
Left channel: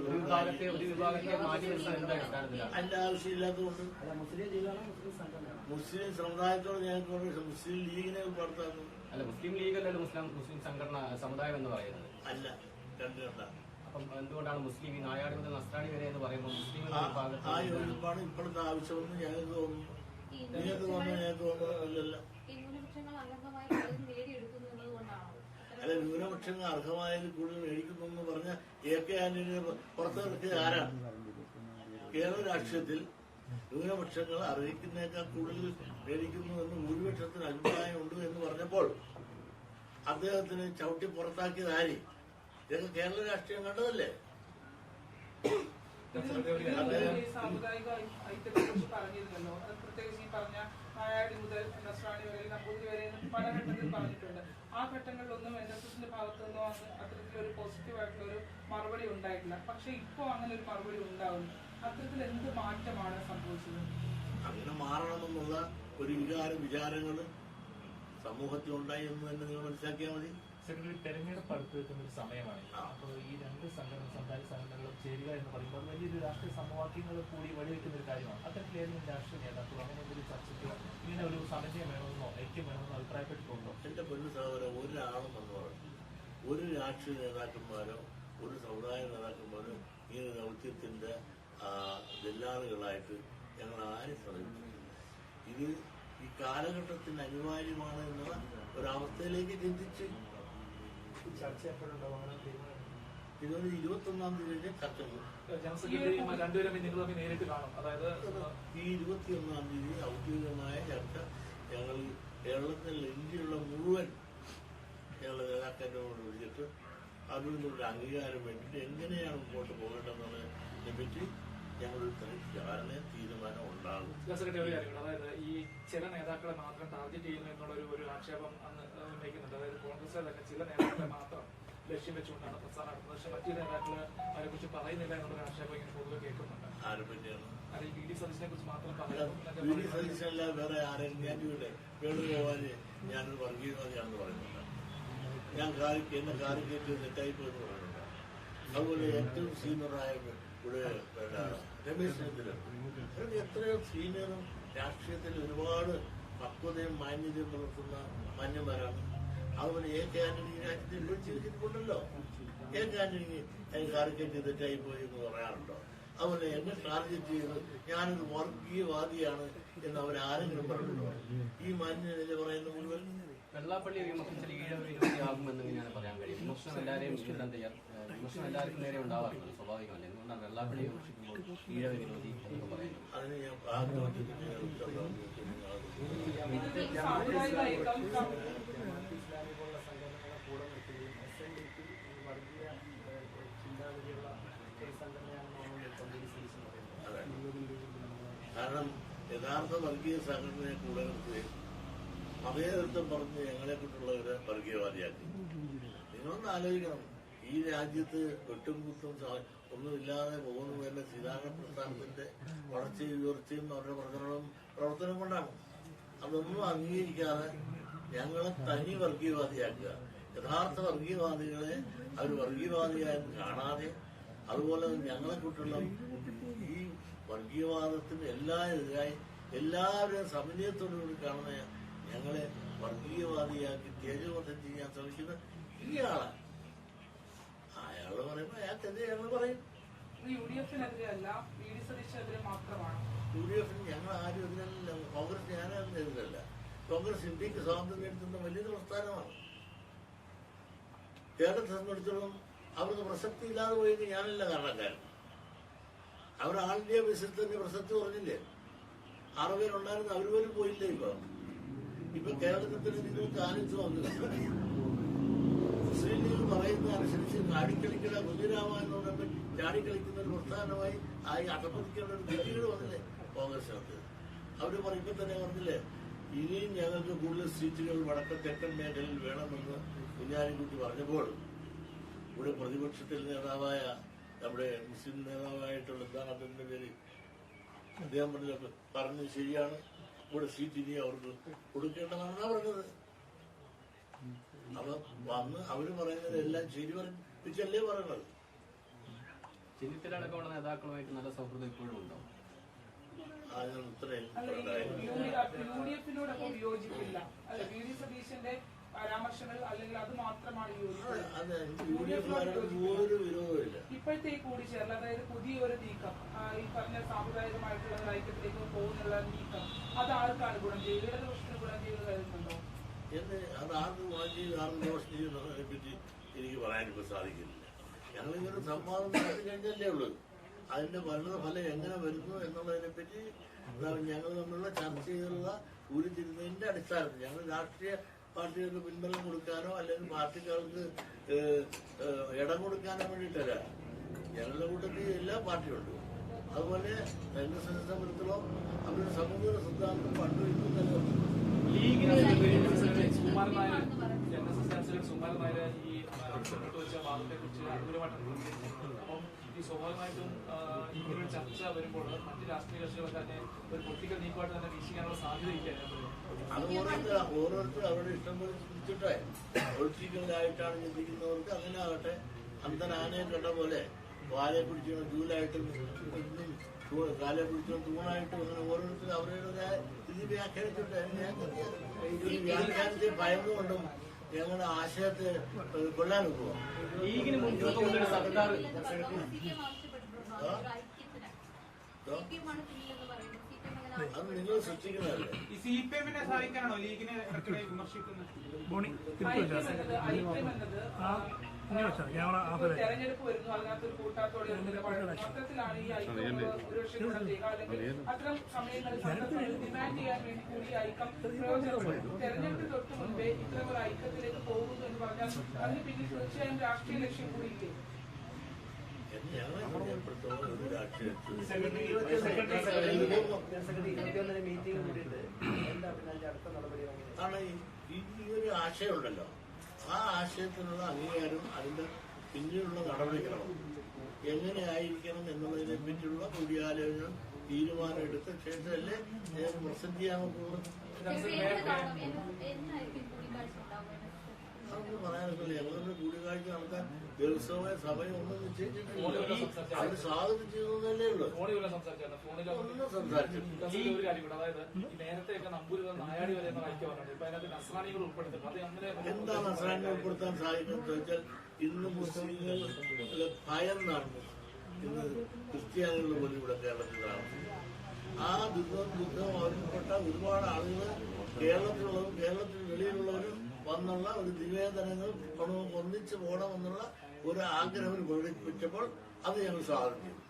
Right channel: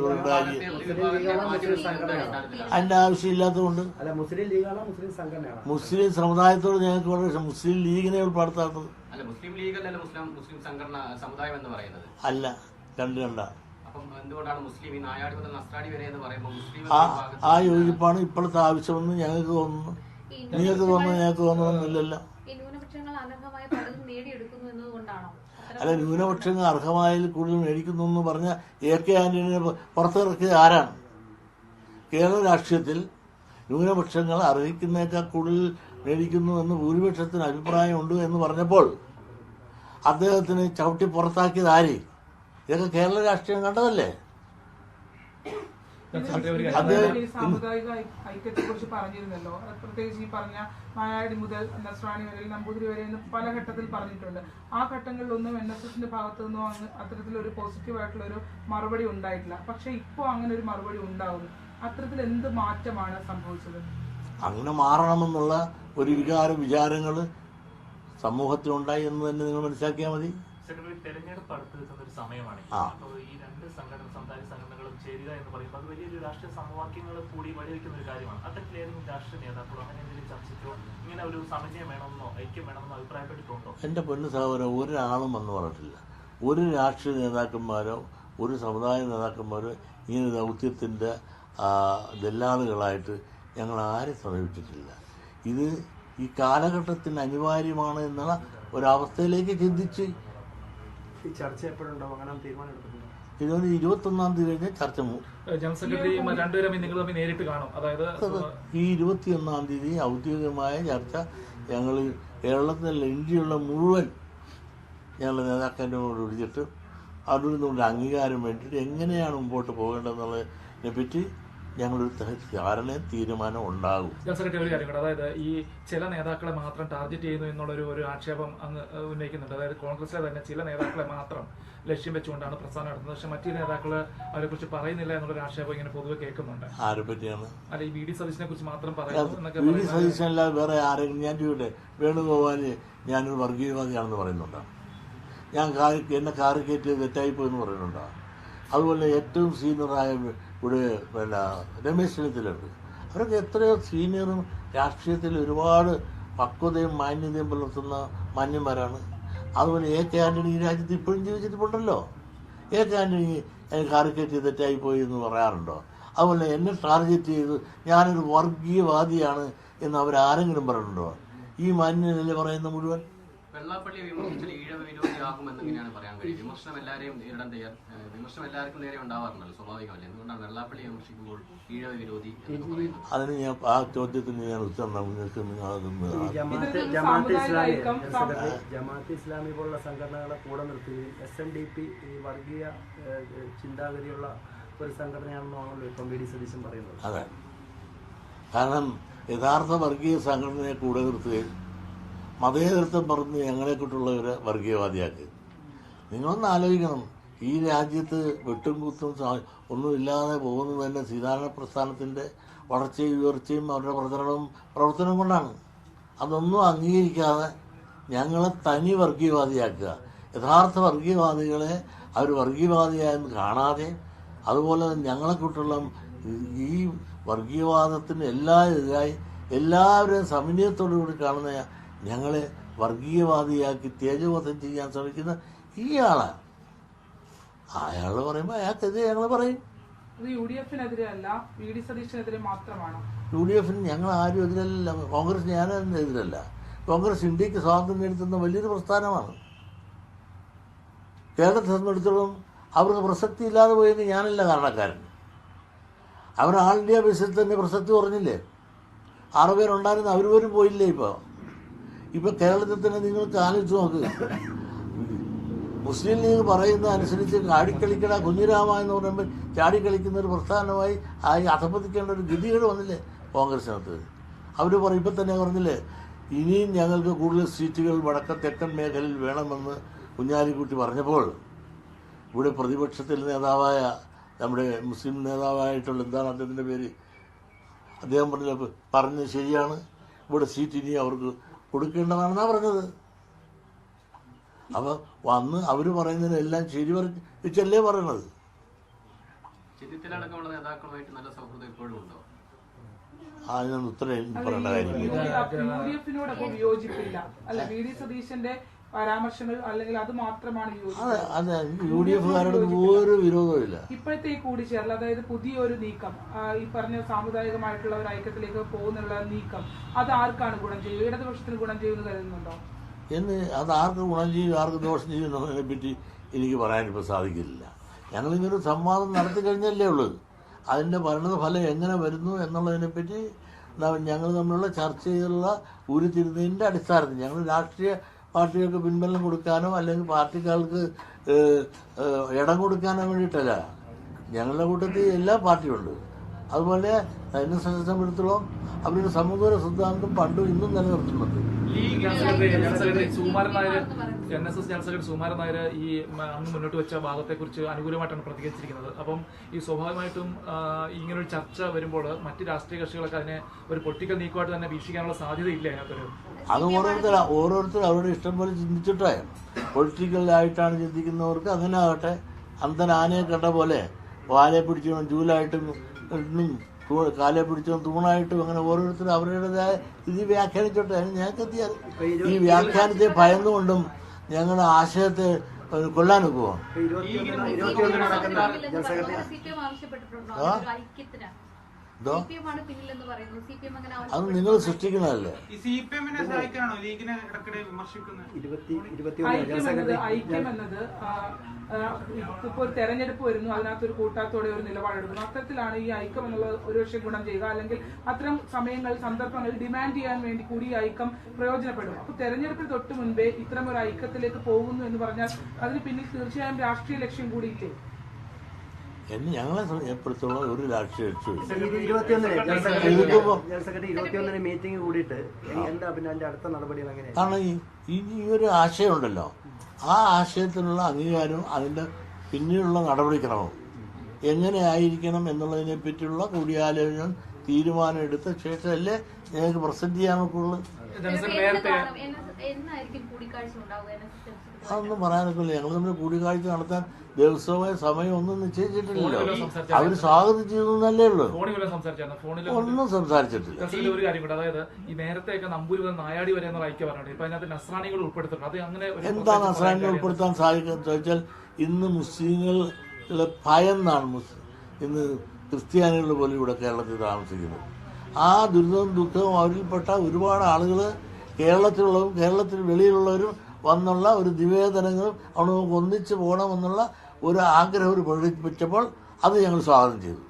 അതിന്റെ ആവശ്യമില്ലാത്തതുകൊണ്ട്. അല്ല മുസ്ലിം ലീഗാണോ മുസ്ലിം സംഘടനയാണോ? മുസ്ലിം സമുദായത്തോട് ഞങ്ങൾക്ക് വളരെ. മുസ്ലിം ലീഗിനെ ഉൾപ്പെടുത്താത്തത് അല്ല മുസ്ലിം ലീഗ് മുസ്ലിം മുസ്ലിം സംഘടന സമുദായം എന്ന് പറയുന്നത്. അല്ല രണ്ട് രണ്ടാണ് ആ യോജിപ്പാണ് ഇപ്പോഴത്തെ ആവശ്യമെന്ന് ഞങ്ങൾക്ക് തോന്നുന്നു. നിങ്ങൾക്ക് തോന്നുന്നു ഞങ്ങൾക്ക് എന്നതുകൊണ്ടാണോ അല്ല ന്യൂനപക്ഷങ്ങൾ അർഹമായതിൽ കൂടുതൽ മേടിക്കുന്നു എന്ന് പറഞ്ഞ എ കെ ആന്റണിനെ പുറത്തിറക്കിയത് ആരാണ്? കേരള രാഷ്ട്രീയത്തിൽ ന്യൂനപക്ഷങ്ങൾ അർഹിക്കുന്നേക്കാൾ കൂടുതൽ മേടിക്കുന്നു എന്ന് ഭൂരിപക്ഷത്തിന് അഭിപ്രായമുണ്ട് എന്ന് പറഞ്ഞപ്പോൾ അദ്ദേഹത്തിന് ചവിട്ടി പുറത്താക്കിയത് ആര്? ഇതൊക്കെ കേരള രാഷ്ട്രീയം കണ്ടതല്ലേ? അത് അതായത് ഈ സാമുദായിക ഐക്യത്തെ കുറിച്ച് പറഞ്ഞിരുന്നല്ലോ. പ്രത്യേകിച്ച് ഈ പറഞ്ഞ മായാടി മുതൽ നസ്രാണി വരെ നമ്പൂതിരി വരെ എന്ന് പല ഘട്ടത്തിൽ പറഞ്ഞിട്ടുണ്ട്. ആ ഘട്ടങ്ങളിലൊന്നും എൻ എസ് എസിന്റെ ഭാഗത്തു നിന്നും അങ്ങ് അത്തരത്തിലൊരു പോസിറ്റീവ് ഒരു മറുപടി ഉണ്ടായിട്ടില്ല. പക്ഷെ ഇപ്പോൾ അങ്ങനെ ഒരു മറുപടി ഉണ്ടാവുന്നു. അത്തരത്തിൽ എന്ത് മാറ്റമാണ് സംഭവിച്ചത്? അങ്ങനെ മാറണമെന്നുള്ള ഒരു വികാര വിചാരങ്ങൾ സമൂഹത്തിലുണ്ടായി എന്ന് തന്നെ നിങ്ങൾ മനസ്സിലാക്കിയാൽ മതി. തെരഞ്ഞെടുപ്പ് അടുത്ത് നിൽക്കുന്ന ഒരു സമയമാണ്. അപ്പോൾ ഈ രണ്ട് സംഘടന സമുദായ സംഘടനകളും ചേരുക എന്ന് പറയുമ്പോൾ അത് വലിയൊരു രാഷ്ട്രീയ സമവാക്യങ്ങൾ കൂടി വഴിവെക്കുന്ന ഒരു കാര്യമാണ്. അത്തരത്തിലേതെങ്കിലും രാഷ്ട്രീയ നേതാക്കളോ അങ്ങനെ എന്തെങ്കിലും ചർച്ചയ്ക്കോ ഇങ്ങനെ ഒരു സമന്വയം വേണമെന്നോ ഐക്യം വേണമെന്നോ അഭിപ്രായപ്പെട്ടിട്ടുണ്ടോ? എന്റെ പൊന്നു സഹോദരൻ ഒരാളും വന്ന് പറഞ്ഞിട്ടില്ല. ഒരു രാഷ്ട്രീയ നേതാക്കന്മാരോ ഒരു സമുദായ നേതാക്കന്മാരോ ഇങ്ങനെ ദൗത്യത്തിന്റെ ദല്ലാളുകളായിട്ട് ഞങ്ങൾ ആരും സമീപിച്ചിട്ടില്ല. ഇത് ഈ കാലഘട്ടത്തിന് അനിവാര്യമാണ് എന്നുള്ള ഒരവസ്ഥയിലേക്ക് ചിന്തിച്ച് ഈ ചർച്ച എപ്പോഴുണ്ടാവും അങ്ങനെ തീരുമാനം ഇതൊരു ഇരുപത്തൊന്നാം തീയതി കഴിഞ്ഞ് ചർച്ച ജനറൽ സെക്രട്ടറിയും രണ്ടുപേരും നിങ്ങൾ തമ്മിൽ നേരിട്ട് കാണും. അതായത് ഈ ഇരുപത്തിയൊന്നാം തീയതി ഔദ്യോഗികമായ ചർച്ച ഞങ്ങൾ കേരളത്തിലുള്ള ഇന്ത്യയുള്ള മുഴുവൻ ഞങ്ങൾ നേതാക്കന്മാരോട് വിളിച്ചിട്ട് അതിൽ നിന്നുള്ള അംഗീകാരം വേണ്ടിയിട്ട് എങ്ങനെയാണ് മുമ്പോട്ട് പോകേണ്ടതെന്നുള്ളതിനെ പറ്റി ഞങ്ങളൊരു ധാരണ തീരുമാനം ഉണ്ടാകും. ജനറൽ സെക്രട്ടറി ഒരു കാര്യം കൂടെ. അതായത് ഈ ചില നേതാക്കളെ മാത്രം ടാർഗറ്റ് ചെയ്യുന്നു എന്നുള്ളൊരു ഒരു ആക്ഷേപം അങ്ങ് ഉന്നയിക്കുന്നുണ്ട്. അതായത് കോൺഗ്രസിലെ തന്നെ ചില നേതാക്കളെ മാത്രം. ലക്ഷ്യം വെച്ചുകൊണ്ടാണ് പ്രസ്ഥാനം നടത്തുന്നത്. പക്ഷെ മറ്റു നേതാക്കൾ അവരെ കുറിച്ച് പറയുന്നില്ല എന്നുള്ളൊരു ആക്ഷേപം ഇങ്ങനെ പൊതുവെ കേൾക്കുന്നുണ്ട്. ആരെ പറ്റിയാണ്? അല്ല ഈ വി ഡി സതീശനെ കുറിച്ച് മാത്രം പറയുന്നു വി ഡി വേറെ ആരെങ്കിലും. ഞാൻ ചോദിക്കട്ടെ വേണുഗോപാൽ ഞാനൊരു വർഗീയവാദിയാണെന്ന് പറയുന്നുണ്ടോ? ഞാൻ കാറി എന്നെ കാറി കയറ്റിയത് തെറ്റായിപ്പോയി എന്ന് പറയുന്നുണ്ടോ? അതുപോലെ ഏറ്റവും സീനിയറായ ഇവിടെ പിന്നെ രമേശ് ചെന്നിത്തലുണ്ട് അവരൊക്കെ എത്രയോ സീനിയറും രാഷ്ട്രീയത്തിൽ ഒരുപാട് പക്വതയും മാന്യതയും പുലർത്തുന്ന മാന്യന്മാരാണ്. അതുപോലെ എ കെ ആന്റണി ഈ രാജ്യത്ത് ഇപ്പോഴും ജീവിച്ചിട്ടുണ്ടല്ലോ. എ കെ ആന്റണി കാറി തെറ്റായി പോയി എന്ന് പറയാറുണ്ടോ? അതുപോലെ എന്നെ ടാർഗറ്റ് ചെയ്ത് ഞാനൊരു വർഗീയവാദിയാണ് എന്ന് അവർ അവരാരെങ്കിലും പറയുന്നുണ്ടോ ഈ മാന്യനല്ലേ പറയുന്ന മുഴുവൻ? വിമർശനം എല്ലാവർക്കും നേരെ ഉണ്ടാവാറുണ്ടല്ലോ സ്വാഭാവികമല്ലേ? എന്തുകൊണ്ടാണ് വെള്ളാപ്പള്ളി വിമർശിക്കുമ്പോൾ ഈഴവ വിരോധി അതിന് ഞാൻ ആ ചോദ്യത്തിന് ഞാൻ ഉത്തരം നിങ്ങൾക്ക് നിങ്ങൾ അതൊന്ന് ഈ ജമാഅത്ത് ഇസ്ലാമി പോലുള്ള സംഘടനകളെ കൂടെ നിർത്തുകയും എസ് എൻ ഡി പി ഈ വർഗീയ ചിന്താഗതിയുള്ള ഒരു സംഘടനയാണെന്നാണ് ഇപ്പം വി ഡി സതീശൻ പറയുന്നത്. അതെ. കാരണം യഥാർത്ഥ വർഗീയ സംഘടനയെ കൂടെ നിർത്തുകയും മതേതൃത്വം പറഞ്ഞ് ഞങ്ങളെക്കൊണ്ടുള്ളവരെ വർഗീയവാദിയാക്കി നിങ്ങളൊന്ന് ആലോചിക്കണം. ഈ രാജ്യത്ത് വെട്ടും കുത്തും ഒന്നുമില്ലാതെ പോകുന്നത് തന്നെ സീതാരണ പ്രസ്ഥാനത്തിന്റെ വളർച്ചയും ഉയർച്ചയും അവരുടെ പ്രചരണവും പ്രവർത്തനവും കൊണ്ടാണ്. അതൊന്നും അംഗീകരിക്കാതെ ഞങ്ങളെ തനി വർഗീയവാദിയാക്കുക. യഥാർത്ഥ വർഗീയവാദികളെ അവർ വർഗീയവാദിയായെന്ന് കാണാതെ അതുപോലെ തന്നെ ഞങ്ങളെക്കുട്ടുള്ള ഈ വർഗീയവാദത്തിന് എല്ലാ എതിരായി എല്ലാവരെയും സമന്വയത്തോടു കൂടി കാണുന്ന ഞങ്ങളെ വർഗീയവാദിയാക്കി തേജോവധം ചെയ്യാൻ ശ്രമിക്കുന്ന ഈ ആളാണ്. അയാൾ പറയുമ്പോൾ അയാൾക്കെതിരെ ഞങ്ങൾ പറയും. യു ഡി എഫിന് ഞങ്ങൾ ആരും എതിരല്ല. കോൺഗ്രസ് ഞാനും എതിരല്ല. കോൺഗ്രസ് ഇന്ത്യയ്ക്ക് സ്വാതന്ത്ര്യം നേടിത്തുന്ന വലിയൊരു പ്രസ്ഥാനമാണ്. കേരളത്തെ സംബന്ധിച്ചിടത്തോളം അവർക്ക് പ്രസക്തി ഇല്ലാതെ പോയെന്ന് ഞാനല്ല കാരണക്കാരൻ. അവർ ആൾ ഇന്ത്യ ബേസിൽ തന്നെ പ്രസക്തി കുറഞ്ഞില്ലേ? ആറ് പേരുണ്ടായിരുന്നു അവർ പോലും പോയില്ലേ ഇപ്പോൾ ഇപ്പോൾ കേരളത്തിൽ തന്നെ നിങ്ങൾക്ക് ആലോചിച്ച് നോക്കുക. മുസ്ലിം ലീഗ് പറയുന്ന അനുസരിച്ച് ചാടിക്കളിക്കട കുഞ്ഞിരാമ എന്ന് പറയുമ്പോൾ ചാടിക്കളിക്കുന്ന ഒരു പ്രസ്ഥാനമായി ആയി അധപ്പതിക്കേണ്ട ഒരു ഗതികേട് വന്നില്ലേ കോൺഗ്രസിനകത്ത്? അവർ പറയും ഇപ്പം തന്നെ പറഞ്ഞില്ലേ ഇനിയും ഞങ്ങൾക്ക് കൂടുതൽ സീറ്റുകൾ വടക്ക തെക്കൻ മേഖലയിൽ വേണമെന്ന് കുഞ്ഞാലിക്കുട്ടി പറഞ്ഞപ്പോൾ ഇവിടെ പ്രതിപക്ഷത്തിൽ നേതാവായ നമ്മുടെ മുസ്ലിം നേതാവായിട്ടുള്ള എന്താണ് അദ്ദേഹത്തിന്റെ പേര്? അദ്ദേഹം പറഞ്ഞ പറഞ്ഞത് ശരിയാണ്. ഇവിടെ സീറ്റ് ഇനി അവർക്ക് കൊടുക്കേണ്ടതാണെന്നാണ് പറഞ്ഞത്. അപ്പോൾ വന്ന് അവർ പറയുന്നതിനെല്ലാം ശരി വെച്ചല്ലേ പറയണത്. അതിനൊന്നും ഉത്തരം പറയേണ്ട കാര്യമില്ല. പരാമർശങ്ങൾ അല്ലെങ്കിൽ അത് മാത്രമാണ് അതെ യോജിപ്പ് അതെ. യു ഡി എഫുകാരോട് ഒരു വിരോധവും ഇല്ല ഇപ്പോഴത്തെ ഈ കൂടിച്ചേരൽ അതായത് പുതിയൊരു നീക്കം ആ, ഈ പറഞ്ഞ സാമുദായികമായിട്ടുള്ള ഒരു ഐക്യത്തിലേക്ക് പോകുന്നുള്ള നീക്കം അത് ആർക്കാണ് ഗുണം ചെയ്യുക ഇടതുപക്ഷത്തിന് ഗുണം ചെയ്യുമെന്ന് കരുതുന്നുണ്ടോ? എന്ന് അത് ആർക്ക് ഗുണം ചെയ്യും ആർക്ക് ദോഷം ചെയ്യും എന്നതിനെ പറ്റി എനിക്ക് പറയാനിപ്പോൾ സാധിക്കില്ല. ഞങ്ങളിങ്ങനെ സംവാദം നടത്തി കഴിഞ്ഞല്ലേ ഉള്ളത് അതിന്റെ പരിണത ഫലം എങ്ങനെ വരുന്നു എന്നുള്ളതിനെപ്പറ്റി പറ്റി ഞങ്ങൾ തമ്മിലുള്ള ചർച്ച ചെയ്തുള്ള ഉരുത്തിരുന്നതിന്റെ അടിസ്ഥാനത്തിൽ ഞങ്ങൾ രാഷ്ട്രീയ പാർട്ടികൾക്ക് പിൻബലം കൊടുക്കാനോ അല്ലെങ്കിൽ പാർട്ടിക്കാർക്ക് ഇടം കൊടുക്കാനോ വേണ്ടിയിട്ടല്ല. ഞങ്ങളുടെ കൂട്ടത്തിൽ എല്ലാ പാർട്ടിയും ഉണ്ട് അതുപോലെ എന്നെ സംബന്ധിച്ചിടത്തോളം അവരുടെ സമൂഹ സിദ്ധാന്തം പണ്ടും ഇന്നും നിലനിർത്തുന്നുണ്ട്. Sukumaran Nair N S S general secretary Nair ഈ മുന്നോട്ട് വെച്ച വാദത്തെക്കുറിച്ച് അനുകൂലമായിട്ടാണ് പ്രതികരിച്ചിരിക്കുന്നത്. അപ്പം ഈ സ്വാഭാവികമായിട്ടും ഇങ്ങനൊരു ചർച്ച വരുമ്പോൾ മറ്റ് രാഷ്ട്രീയ കക്ഷികളൊക്കെ അതിനെ ഒരു പൊളിറ്റിക്കൽ നീക്കമായിട്ട് തന്നെ വീക്ഷിക്കാനുള്ള സാധ്യതയില്ല അതിനകത്തൊരു. അത് ഓരോരുത്തർ ഓരോരുത്തർ അവരുടെ ഇഷ്ടം പോലെ ചിന്തിച്ചിട്ടേ. പൊളിറ്റിക്കലായിട്ടാണ് ചിന്തിക്കുന്നവർക്ക് അങ്ങനെ ആകട്ടെ. അന്തൻ ആനയെ കണ്ട പോലെ വാലെ പിടിച്ചോ ജൂലായിട്ടും കാലെ പിടിച്ചോ തൂണായിട്ടും അങ്ങനെ ഓരോരുത്തരും അവരുടേതായ ഇത് വ്യാഖ്യാനിച്ചോട്ടെ. അതിന് ഞങ്ങൾക്ക് ഈ വ്യാഖ്യാനത്തെ ഭയന്നുകൊണ്ടും ഞങ്ങളുടെ ആശയത്തെ സിപിഎം അങ്ങനെ അത് നിങ്ങൾ സൃഷ്ടിക്കണല്ലേ സഹായിക്കാനാണോ? ലീഗിനെ ഇടയ്ക്കിടെ വിമർശിക്കുന്നത്? ഇപ്പോൾ ഒരു തെരഞ്ഞെടുപ്പ് വരുന്നു അതിനകത്ത് ഒരു കൂട്ടാത്തോടെ ഒരു നിലപാടെടുക്കുന്നു. അത്തരത്തിലാണ് ഈ ഐക്യം എന്നുള്ളത് ഒരുപക്ഷെ ഗുണം ചെയ്യുക അല്ലെങ്കിൽ അത്തരം സമയങ്ങൾ സന്ദർഭങ്ങൾ ഡിമാൻഡ് ചെയ്യാൻ വേണ്ടി കൂടി ഈ ഐക്യം പ്രയോജനപ്പെടും. അപ്പൊ തെരഞ്ഞെടുപ്പിന് തൊട്ട് മുൻപേ ഇത്തരം ഒരു ഐക്യത്തിലേക്ക് പോകുന്നു എന്ന് പറഞ്ഞാൽ അതിന് പിന്നിൽ തീർച്ചയായും രാഷ്ട്രീയ ലക്ഷ്യം കൂടി ഇല്ലേ എന്നെ ഞങ്ങളെ സംബന്ധിച്ചിടത്തോളം ഒരു രാഷ്ട്രീയ എങ്ങനെയാണ് കാരണം ഈ ഒരു ആശയമുണ്ടല്ലോ. ആ ആശയത്തിനുള്ള അംഗീകാരവും അതിന്റെ പിന്നീടുള്ള നടപടിക്രമവും എങ്ങനെ ആയിരിക്കണം എന്നുള്ളതിനെ പറ്റിയുള്ള കൂടിയാലോചന തീരുമാനം എടുത്ത ശേഷമല്ലേ ഞങ്ങൾക്ക് പ്രസന്റ് ചെയ്യാൻ ഒക്കുള്ളൂ അതൊന്നും പറയാനൊക്കില്ല. ഞങ്ങൾ തമ്മിൽ കൂടിക്കാഴ്ച നടത്താൻ ദിവസമായ സമയം ഒന്നും നിശ്ചയിച്ചിട്ടില്ല. അവർ സ്വാഗതം ചെയ്തെന്നല്ലേ ഉള്ളൂ. ഒന്നും സംസാരിച്ചിട്ടില്ല. ഒരു കാര്യം അതായത് ഈ നേരത്തെയൊക്കെ നമ്പൂരി മുതൽ നായാടി വരെ എന്നുള്ള ഐക്യം പറഞ്ഞിട്ട് ഇപ്പൊ അതിനകത്ത് നസ്രാണികൾ ഉൾപ്പെടുത്തുന്നുണ്ട് അത് അങ്ങനെ ഒരു എന്താണ് പ്രത്യേകിച്ച് ഉൾപ്പെടുത്താൻ സാധിക്കുന്നത് ചോദിച്ചാൽ ഇന്ന് മുസ്ലിങ്ങളുടെ ഭയന്നാണ് ഇന്ന് ക്രിസ്ത്യാനികൾ പോലും ഇവിടെ കേരളത്തിൽ താമസിക്കുന്നത്. ആ ദുരിതവും ദുഃഖവും അവരിൽപ്പെട്ട ഒരുപാട് ആളുകൾ കേരളത്തിലുള്ളവരും കേരളത്തിന് വെളിയിലുള്ളവരും വന്നുള്ള ഒരു നിവേദനങ്ങളും അവിടെ ഒന്നിച്ചു ഒന്നിച്ച് പോകണമെന്നുള്ള ഒരു ആഗ്രഹം ഒരു പ്രകടിപ്പിച്ചപ്പോൾ അത് ഞങ്ങൾ സ്വാഗതം ചെയ്തു.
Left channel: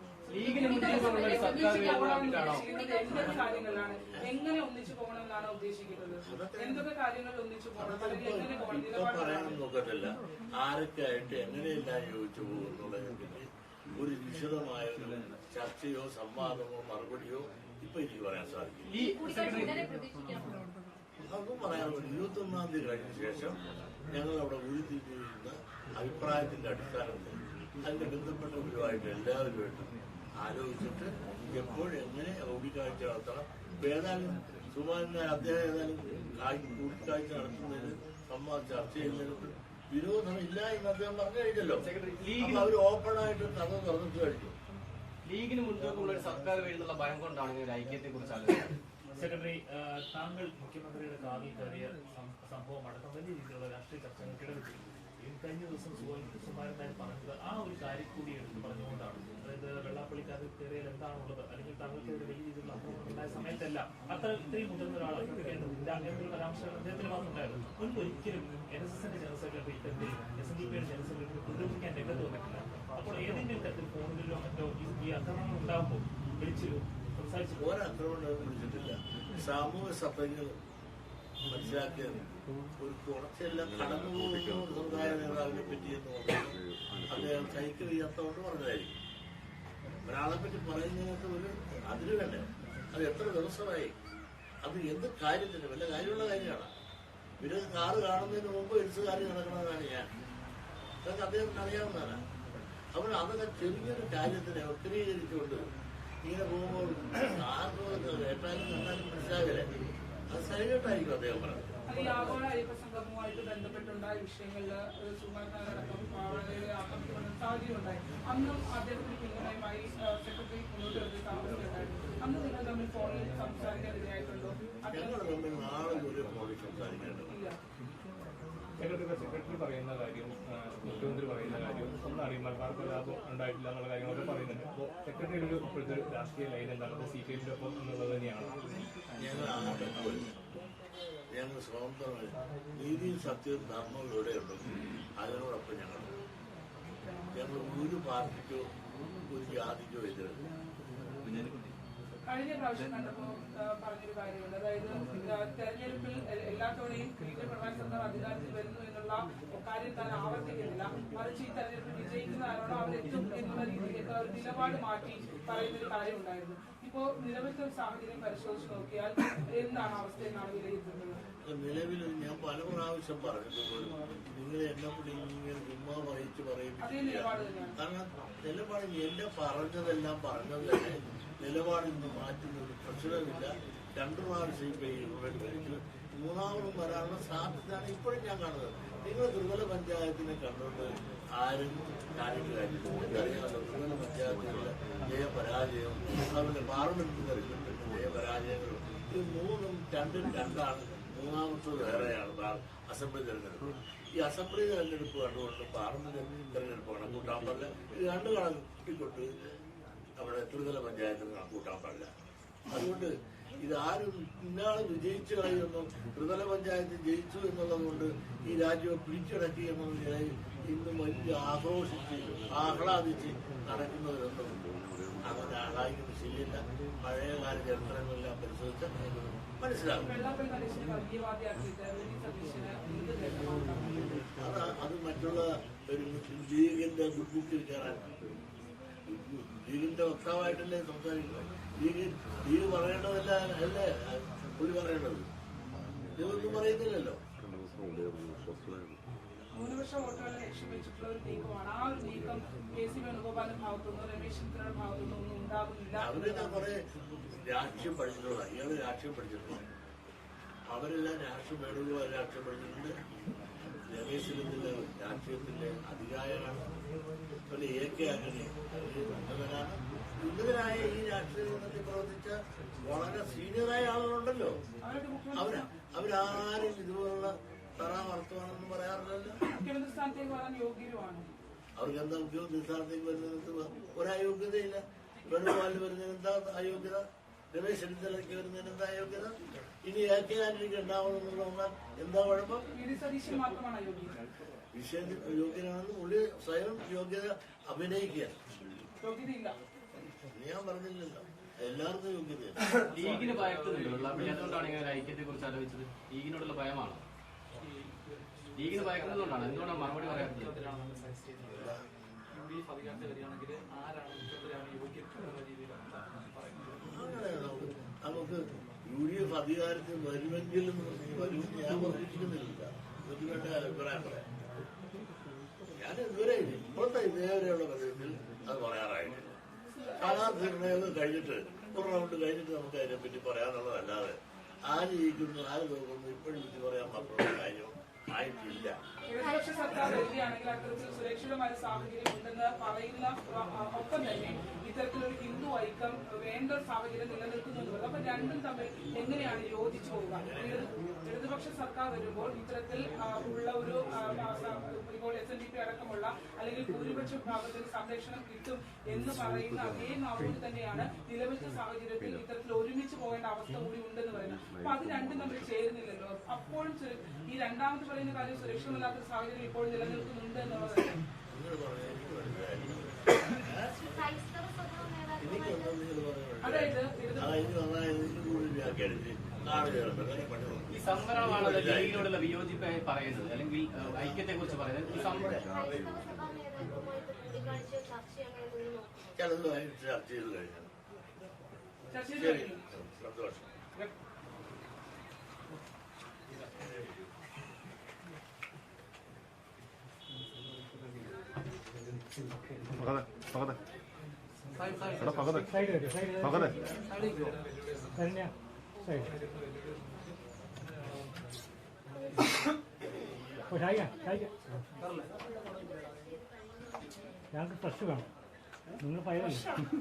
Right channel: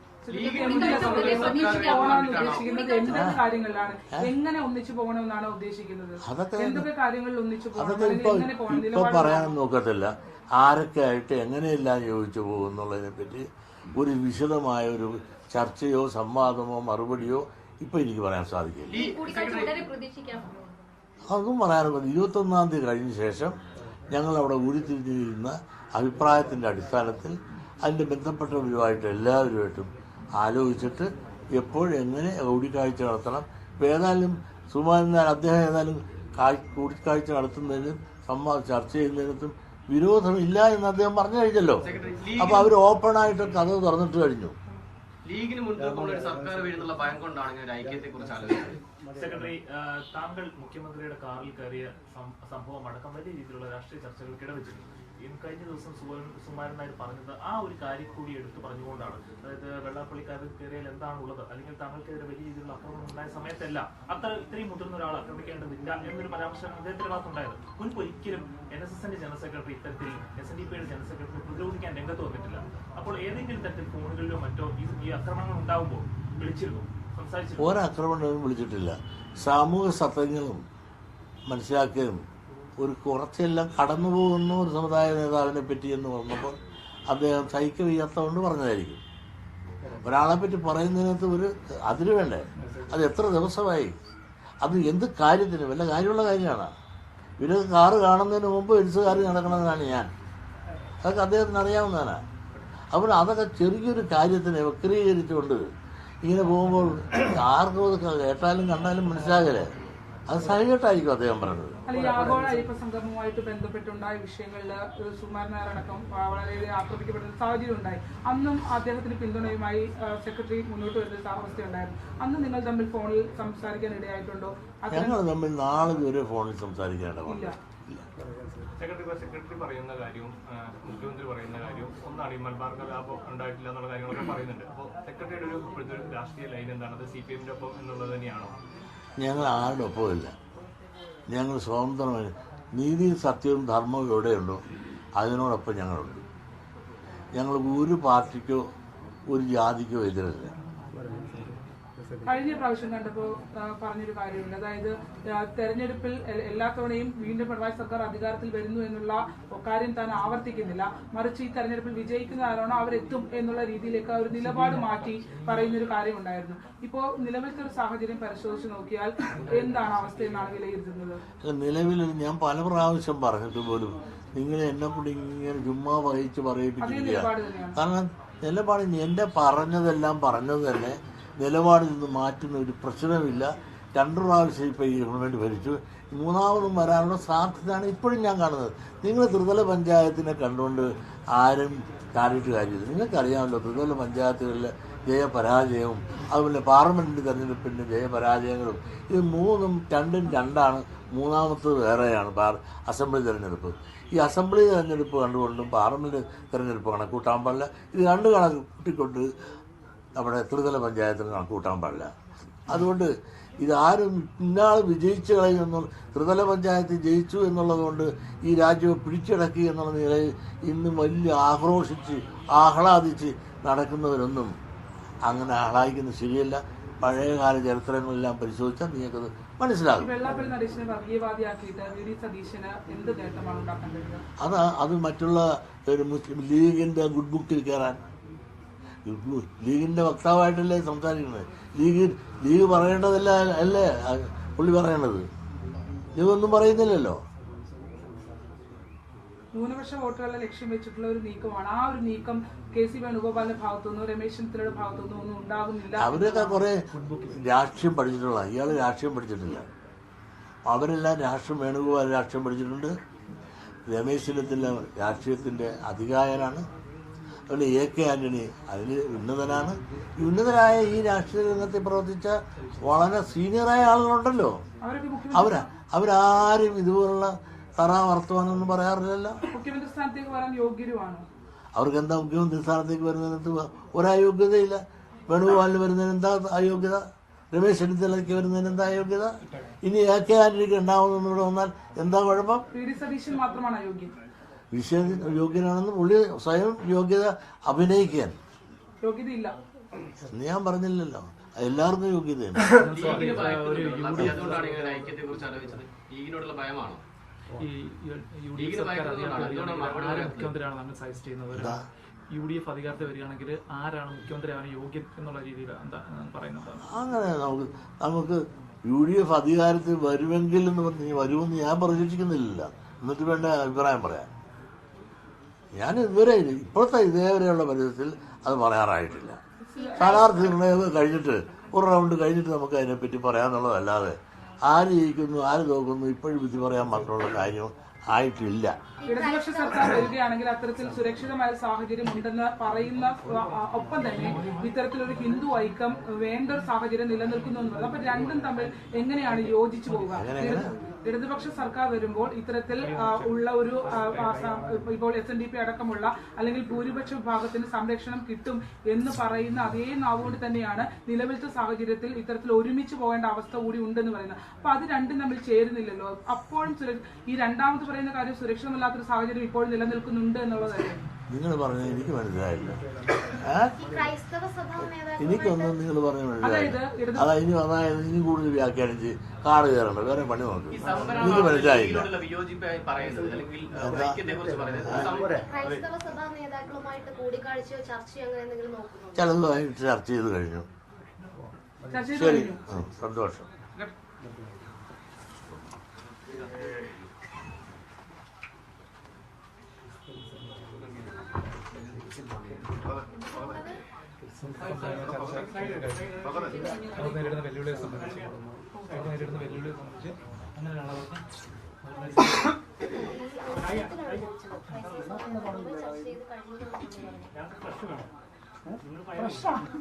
അതൊക്കെ അതൊക്കെ ഇപ്പൊ ഇപ്പൊ പറയാനൊന്നും പറയാൻ നോക്കത്തില്ല. ആരൊക്കെ ആയിട്ട് എങ്ങനെയെല്ലാം യോജിച്ചു പോകും എന്നുള്ളതിനെ പറ്റി ഒരു വിശദമായ ഒരു ചർച്ചയോ സംവാദമോ മറുപടിയോ ഇപ്പൊ എനിക്ക് പറയാൻ സാധിക്കില്ല ഈ കൂടിക്കാഴ്ച ഉടനെ പ്രതീക്ഷിക്കാമോ അതും പറയാനുള്ളത് ഇരുപത്തൊന്നാം തീയതി കഴിഞ്ഞ ശേഷം ഞങ്ങൾ അവിടെ ഉരുത്തിരിഞ്ഞിരുന്ന അഭിപ്രായത്തിന്റെ അടിസ്ഥാനത്തിൽ അതിന്റെ ബന്ധപ്പെട്ടവരുമായിട്ട് എല്ലാവരുമായിട്ടും ആലോചിച്ചിട്ട് എപ്പോഴെങ്ങനെ കൂടിക്കാഴ്ച നടത്തണം ഏതായാലും സുമാരൻ അദ്ദേഹം ഏതായാലും കാഴ്- കൂടിക്കാഴ്ച നടത്തുന്നതിനും സംവാദം ചർച്ച ചെയ്യുന്നതിനും വിരോധമില്ല എന്ന് അദ്ദേഹം പറഞ്ഞു കഴിഞ്ഞല്ലോ. അപ്പോൾ അവർ ഓപ്പൺ ആയിട്ട് കഥ തുറന്നിട്ട് കഴിഞ്ഞു. ലീഗിന് മുൻതൂക്കമുള്ള ഒരു സർക്കാർ വരുന്നുള്ള ഭയം കൊണ്ടാണ് ഐക്യത്തെ കുറിച്ച് ആലോചിക്കുന്നത് സെക്രട്ടറി താങ്കൾ മുഖ്യമന്ത്രിയുടെ കാറിൽ കയറിയ സംഭവം അടക്കം വലിയ രീതിയിലുള്ള രാഷ്ട്രീയ ചർച്ചകൾ ഇടവെച്ചിരുന്നു. ഈ കഴിഞ്ഞ ദിവസം നായർ പറഞ്ഞത് ആ ഒരു കാര്യം കൂടി എടുത്ത് പറഞ്ഞുകൊണ്ടാണ്. അതായത് വെള്ളാപ്പള്ളിക്കാരൻ കയറിയാൽ എന്താണുള്ളത്? അല്ലെങ്കിൽ താങ്കൾക്കെതിരെ വലിയ രീതിയിലുള്ള ആക്രമണം ഉണ്ടായ സമയത്തല്ല അത്ര ഇത്രയും മുതിർന്ന ഒരാൾ ആക്രമിക്കേണ്ടതില്ല എന്നൊരു പരാമർശം അദ്ദേഹത്തിന്റെ ഭാഗത്തുണ്ടായിരുന്നു മുൻപ് ഒരിക്കലും എൻ എസ് എസിന്റെ ജനറൽ സെക്രട്ടറി ഇത്തരത്തിൽ എസ് എൻ ഡി പിയുടെ ജനറൽ സെക്രട്ടറി പ്രതിരോധിക്കാൻ രംഗത്ത് വന്നിട്ടില്ല. അപ്പോൾ ഏതെങ്കിലും തരത്തിൽ ഫോണുകളിലോ മറ്റോ ഈ അക്രമങ്ങൾ ഉണ്ടാകുമ്പോൾ വിളിച്ചിരുന്നു. ഒരാക്രമണവും വിളിച്ചിട്ടില്ല. സാമൂഹ്യ സത്യങ്ങളും മനസ്സിലാക്കിയതും ഒരു കുറച്ചെല്ലാം കടന്നു പോകുന്ന ഒരു സമുദായ നേതാവിനെ പറ്റി എന്ന് പറഞ്ഞപ്പോൾ അദ്ദേഹം സഹിക്ക വയ്യാത്തതുകൊണ്ട് പറഞ്ഞതായിരിക്കും. ഒരാളെ പറ്റി പറയുന്നതിനകത്ത് ഒരു അതിന് വേണ്ടേ. അത് എത്ര ദിവസമായി? അത് എന്ത് കാര്യത്തിന്? വല്ല കാര്യമുള്ള കാര്യമാണ്? ഇവർ കാറ് കാണുന്നതിന് മുമ്പ് എഴുത്തുകാർ നടക്കണമെന്നാണ് ഞാൻ. അതൊക്കെ അദ്ദേഹത്തിന് അറിയാവുന്നതാണ്. അപ്പോൾ അതൊക്കെ ചെറിയൊരു കാര്യത്തിനെ വക്രീകരിച്ചുകൊണ്ട് ഇങ്ങനെ പോകുമ്പോൾ ആർക്കും അത് കേട്ടാലും കണ്ടാലും മനസ്സിലാകലേ അത് സഹികെട്ടായിരിക്കും അദ്ദേഹം പറഞ്ഞത്. ഞങ്ങൾ തമ്മിൽ നാളെ വരെ ഫോണിൽ ഇല്ല. സെക്രട്ടറി സെക്രട്ടറി പറയുന്ന കാര്യവും മുഖ്യമന്ത്രി പറയുന്ന ഒന്നാണ് ഈ മലബാർ കലാപം ഉണ്ടായിട്ടില്ല എന്നുള്ള കാര്യങ്ങളൊക്കെ പറയുന്നുണ്ട്. അപ്പോൾ സെക്രട്ടറിയുടെ ഒരു ഇപ്പോഴത്തെ ഒരു രാഷ്ട്രീയ ലൈൻ എന്താണ്? അത് സി പി എമ്മിന്റെ ഒപ്പം എന്നുള്ളത് തന്നെയാണോ? ഞങ്ങൾ ആരുടെ ഒപ്പമില്ല. ഞങ്ങൾ സ്വതന്ത്രമായി നീതിയും സത്യവും ധർമ്മവും എവിടെയുണ്ടോ അതിനോടൊപ്പം ഞങ്ങളുണ്ട്. ഞങ്ങൾ ഒരു പാർട്ടിക്കോ ഒരു ജാതിക്കോ എതിരല്ല. കഴിഞ്ഞ പ്രാവശ്യം കണ്ടപ്പോൾ പറഞ്ഞൊരു കാര്യമുണ്ട്. അതായത് തെരഞ്ഞെടുപ്പിൽ എല്ലാ തവണയും വീണ്ടും പിണറായി സർക്കാർ അധികാരത്തിൽ വരുന്നു എന്നുള്ള കാര്യം താൻ ആവർത്തിക്കുന്നില്ല. മറിച്ച് ഈ തെരഞ്ഞെടുപ്പിൽ വിജയിക്കുന്ന ആരാണോ അവരെത്തും എന്നുള്ള രീതിയിലേക്ക് ആ ഒരു നിലപാട് മാറ്റി പറയുന്ന ഒരു കാര്യമുണ്ടായിരുന്നു. ഇപ്പോ നിലവിലത്തെ ഒരു സാഹചര്യം പരിശോധിച്ച് നോക്കിയാൽ എന്താണ് അവസ്ഥ എന്നാണ് വിലയിരുത്തുന്നത്? നിലവിൽ ഞാൻ പല പ്രാവശ്യം പറഞ്ഞിട്ടുപോലും നിങ്ങൾ എന്നെ കൂടി ഇങ്ങനെ ചുമ്മാ വഹിച്ച് പറയിപ്പിക്കുക കാരണം നിലപാട് എന്റെ പറഞ്ഞതെല്ലാം പറഞ്ഞത് തന്നെ നിലപാടിൽ നിന്ന് മാറ്റുന്ന ഒരു പ്രശ്നമില്ല. രണ്ടു പ്രാവശ്യം ഇപ്പോൾ ഈ ഗവൺമെന്റ് ഭരിച്ചു. മൂന്നാമതും വരാനുള്ള സാധ്യതയാണ് ഇപ്പോഴും ഞാൻ കാണുന്നത്. നിങ്ങൾ ത്രിതല പഞ്ചായത്തിനെ കണ്ടുകൊണ്ട് ആരും കാര്യമായിട്ട് കാര്യമില്ല. നിങ്ങൾക്കറിയാമല്ലോ ത്രിതല പഞ്ചായത്തുകളിലെ ജയപരാജയവും അതുപോലെ പാർലമെന്റ് തെരഞ്ഞെടുപ്പിന്റെ ജയപരാജയങ്ങളും ഇത് മൂന്നും രണ്ടും രണ്ടാണ്. മൂന്നാമത്തത് വേറെയാണ് പാർ അസംബ്ലി തിരഞ്ഞെടുപ്പ്. ഈ അസംബ്ലി തിരഞ്ഞെടുപ്പ് കണ്ടുകൊണ്ടും പാർലമെന്റ് തിരഞ്ഞെടുപ്പ് കണക്കൂട്ടാൻ പാടില്ല. ഇത് രണ്ട് കണക്കൂട്ടിക്കൊണ്ട് നമ്മുടെ ത്രിതല പഞ്ചായത്തിൽ കണക്കൂട്ടാൻ പാടില്ല. അതുകൊണ്ട് ഇതാരും ഇന്നാൾ വിജയിച്ചു കളയുമെന്നും ത്രിതല പഞ്ചായത്ത് ജയിച്ചു എന്നുള്ളതുകൊണ്ട് ഈ രാജ്യം പിടിച്ചടക്കി എന്നുള്ള നിലയിൽ ഇന്ന് വലിയ ആക്രോശിച്ച് ആഹ്ലാദിച്ച് നടക്കുന്നവരൊന്നും അങ്ങനെ ആഹ്ലാദിക്കുന്നത് ശരിയല്ല. പഴയകാല ചരിത്രങ്ങളെല്ലാം പരിശോധിച്ചാൽ നിങ്ങൾക്കത് മനസ്സിലാകും. അത് അത് മറ്റുള്ള ഒരു മുസ്ലിം ലീഗിന്റെ ഗുഡ് ബുക്കിൽ കയറാൻ ലീഗിന്റെ വക്താവായിട്ടല്ലേ സംസാരിക്കുന്നത്? ലീഗ് ലീഗ് പറയേണ്ടതല്ല അല്ലേ? പുള്ളി പറയേണ്ടത്. ലീഗ് ഒന്നും പറയുന്നില്ലല്ലോ. ന്യൂനപക്ഷ വോട്ടുകളെ ലക്ഷ്യം വെച്ചിട്ടുള്ള ഒരു നീക്കമാണ്. ആ ഒരു നീക്കം കെ സി വേണുഗോപാലിന്റെ ഭാഗത്തുനിന്നോ രമേശ് ചെന്നിത്തലയുടെ ഭാഗത്തുനിന്നോ ഒന്നും ഉണ്ടാകുന്നില്ല. അവരൊക്കെ കുറെ രാഷ്ട്രീയം പഠിച്ചിട്ടുള്ള ഇയാൾ രാഷ്ട്രീയം പഠിച്ചിട്ടില്ല. അവരെല്ലാം രാഷ്ട്രീയം വേണുഗോപാൽ രാഷ്ട്രീയം പഠിച്ചിട്ടുണ്ട്. രമേശ് ചെന്നിത്തല രാഷ്ട്രീയത്തിന്റെ അധികായനാണ് അതുപോലെ എ കെ ആന്റണി. അതിൽ ഉന്നതനാണ്. ഉന്നതരായ ഈ രാഷ്ട്രീയ രംഗത്തിൽ പ്രവർത്തിച്ച വളരെ സീനിയറായ ആളുകളുണ്ടല്ലോ. അവരാ അവരാരും ഇതുപോലുള്ള തറ വർത്തമാനമൊന്നും പറയാറില്ലല്ലോ. മുഖ്യമന്ത്രി സ്ഥാനത്തേക്ക് വരാൻ യോഗ്യരുമാണ്? അവർക്ക് എന്താ മുഖ്യമന്ത്രി സ്ഥാനത്തേക്ക് വരുന്നതിനകത്ത് ഒരയോഗ്യതയില്ല. വേണുഗോപാലിന് വരുന്നതിന് എന്താ അയോഗ്യത? രമേശ് ചെന്നിത്തലയ്ക്ക് വരുന്നതിന് എന്താ അയോഗ്യത? ഇനി എ കെ ആന്റണിക്ക് ഉണ്ടാവുന്ന ഇവിടെ വന്നാൽ എന്താ കുഴപ്പം? മാത്രമാണ് അയോഗ്യം വിഷയ യോഗ്യനാണെന്ന് പുള്ളി സ്വയം യോഗ്യത അഭിനയിക്കാൻ യോഗ്യതയില്ല. ഞാൻ പറഞ്ഞില്ലല്ലോ. എല്ലാവർക്കും യോഗ്യതയാണ് ലീഗിന് ഭയക്കുന്നുണ്ട് വെള്ളാപ്പള്ളി അതുകൊണ്ടാണ് ഇങ്ങനെ ഐക്യത്തെ കുറിച്ച് ആലോചിച്ചത്. ലീഗിനോടുള്ള ഈ യു ഡി എഫ്. അധികാരത്തിൽ വരികയാണെങ്കിൽ ആരാണ് മുഖ്യമന്ത്രിയാണ് യോഗ്യൻ എന്നുള്ള രീതിയിൽ പറയുന്നത്? അങ്ങനെ നമുക്ക് നമുക്ക് യു ഡി എഫ് അധികാരത്തിൽ വരുമെങ്കിൽ എന്ന് പറഞ്ഞ് വരുമെന്ന് ഞാൻ പ്രതീക്ഷിക്കുന്നില്ല. എന്നിട്ട് വേണ്ട അഭിപ്രായം പറയാൻ ഞാൻ ഇതുവരെ ഇപ്പോഴത്തെ ഇതേവരെയുള്ള പരിധത്തിൽ അത് പറയാറായിട്ടില്ല. സ്ഥാനാർത്ഥി നിർണയം കഴിഞ്ഞിട്ട് ഒരു റൗണ്ട് കഴിഞ്ഞിട്ട് നമുക്ക് അതിനെപ്പറ്റി പറയാമെന്നുള്ളതല്ലാതെ ആര് ജയിക്കുന്നു ആര് തോക്കുന്നു ഇപ്പോഴും വിധി പറയാൻ മാത്രമുള്ള കാര്യം ആയിട്ടില്ല. ഇടതുപക്ഷ സർക്കാർ വരികയാണെങ്കിൽ അത്തരത്തിൽ സുരക്ഷിതമായ സാഹചര്യം ഉണ്ടെന്ന് പറയുന്ന ഒപ്പം തന്നെ ഇത്തരത്തിലൊരു ഹിന്ദു ഐക്യം വേണ്ട ഒരു സാഹചര്യം നിലനിൽക്കുന്നു എന്ന് പറയുന്നത് അപ്പൊ രണ്ടും തമ്മിൽ എങ്ങനെയാണ് യോജിച്ചു പോവുക? ഇടത്- ഇടതുപക്ഷ സർക്കാർ വരുമ്പോൾ ഇത്തരത്തിൽ ഉള്ള ഒരു ഇപ്പോൾ എസ് എൻ ഡി പി അടക്കമുള്ള അല്ലെങ്കിൽ ഭൂരിപക്ഷ വിഭാഗത്തിന് സംരക്ഷണം കിട്ടും എന്ന് പറയുന്ന അതേ നാവോട് തന്നെയാണ് നിലവിലത്തെ സാഹചര്യത്തിൽ ഇത്തരത്തിൽ ഒരുമിച്ച് പോകേണ്ട അവസ്ഥ കൂടി ഉണ്ടെന്ന് പറയുന്നത്. അപ്പൊ അത് രണ്ടും തമ്മിൽ ചേരുന്നില്ലല്ലോ. അപ്പോഴും ഈ രണ്ടാമത് പറയുന്ന കാര്യം സുരക്ഷിതമല്ലാത്തൊരു സാഹചര്യം ഇപ്പോൾ നിലനിൽക്കുന്നുണ്ട് എന്നുള്ളതല്ലേ നിങ്ങൾ പറഞ്ഞത് എനിക്ക് മനസ്സിലായില്ല. എനിക്കൊന്നും നിങ്ങൾ പറഞ്ഞ മനസ്സിലായില്ല. അതാ ഇനി അതായത് ഇനി കൂടുതൽ വ്യാഖ്യാനിച്ച് കാറ് കയറണ്ട? വേറെ പണി നോക്കി. എനിക്ക് മനസ്സിലായില്ല. ചിലതുമായി ചർച്ച ചെയ്ത് കഴിഞ്ഞു. ശരി. സന്തോഷം. അവർ നേരിടുന്ന വെല്ലുവിളിയെ സംബന്ധിച്ച് അവർ നേരിടുന്ന വെല്ലുവിളിയെ സംബന്ധിച്ച് അങ്ങനെയുള്ളവർക്ക് ചർച്ച ചെയ്ത് കഴിഞ്ഞു